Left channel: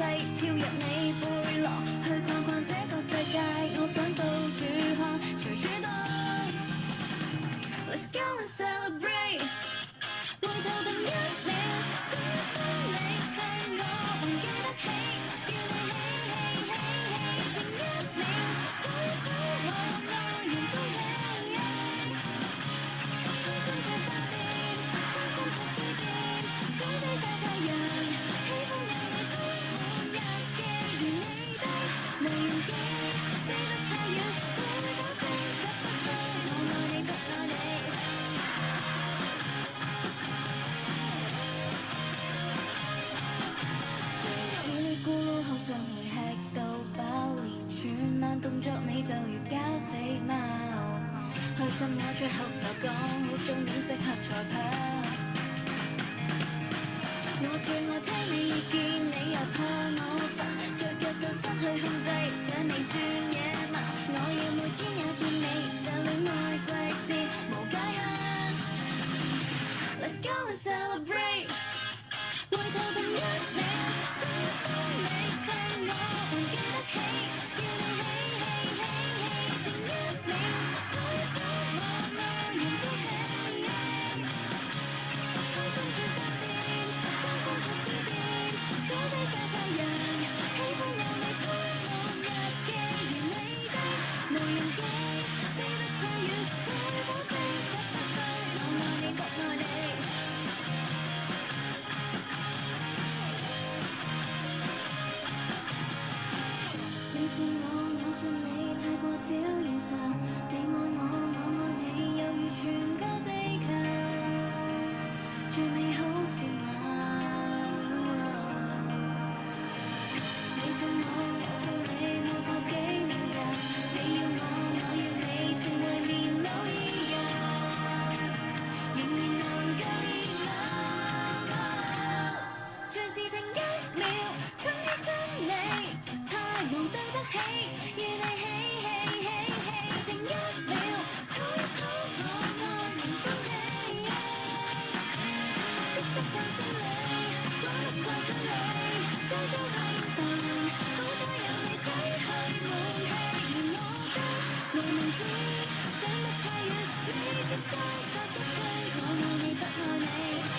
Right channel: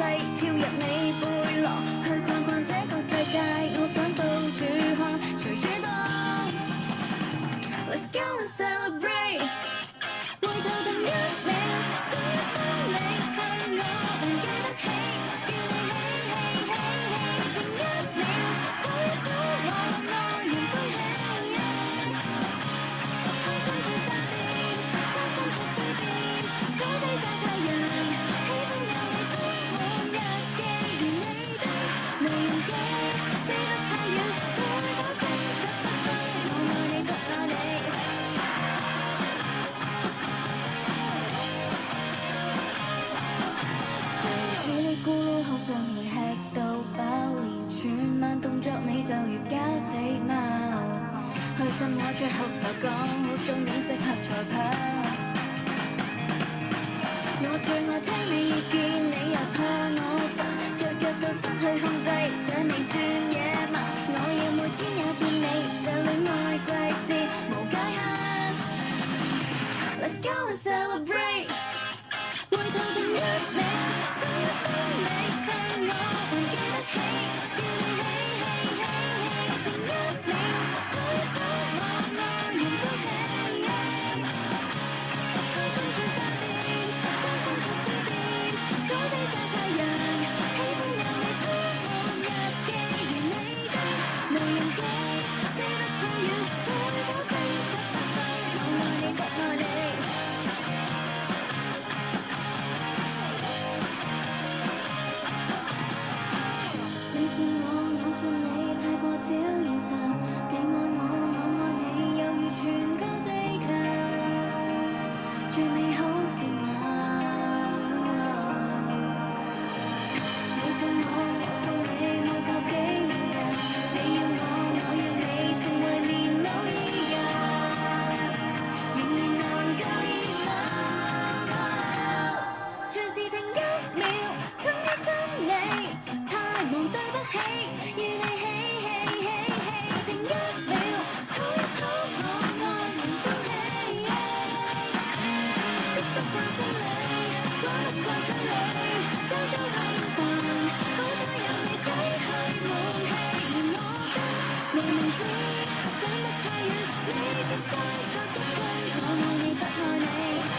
跳入你背囊，去逛逛這個世界，我想到處看，隨處都 Let's go and celebrate， 回頭等一秒，親一親你，趁我還記得起，要你起，停一秒，抱一抱我，昂然飛起，開心去發電，傷心去閃電，坐低曬太陽，喜歡有你鋪滿日記，連你的無人機飛得太遠，會否偵測得到我愛你不愛你？誰嘰哩咕嚕口上來吃到飽，連串慢動作你就如加菲貓，開心我最後才講好終點即刻賽跑。我最愛聽你意見，你又拖我煩，雀躍到失去控制，這未算野蠻。我要每天也見你，這戀愛季節無界限。Let's go and celebrate， 回頭停一秒，親一親你，趁我還記得起，要你起，停一秒，抱一抱我，昂然飛起，開心去發電，傷心去閃電，坐低曬太陽，喜歡有你鋪滿日記，連你的無人機飛得太遠，會否偵測得到我愛你不愛你？你信我，我信你，太過超現實。你愛我，我愛你，猶如全個地球，最美好事物。你信我，我信你，愛過幾年日。你要我，我要你，成為年老依人，仍然能夠熱鬧。隨時停一秒，親一親你，太忙對不起，與你起，停一秒，拖一拖我，昂然飛起，捉不慣心理，關不慣距離，周遭太煩，好彩有你洗去悶氣，連我的無名指想得太遠，你只想覺得對我愛你不愛你。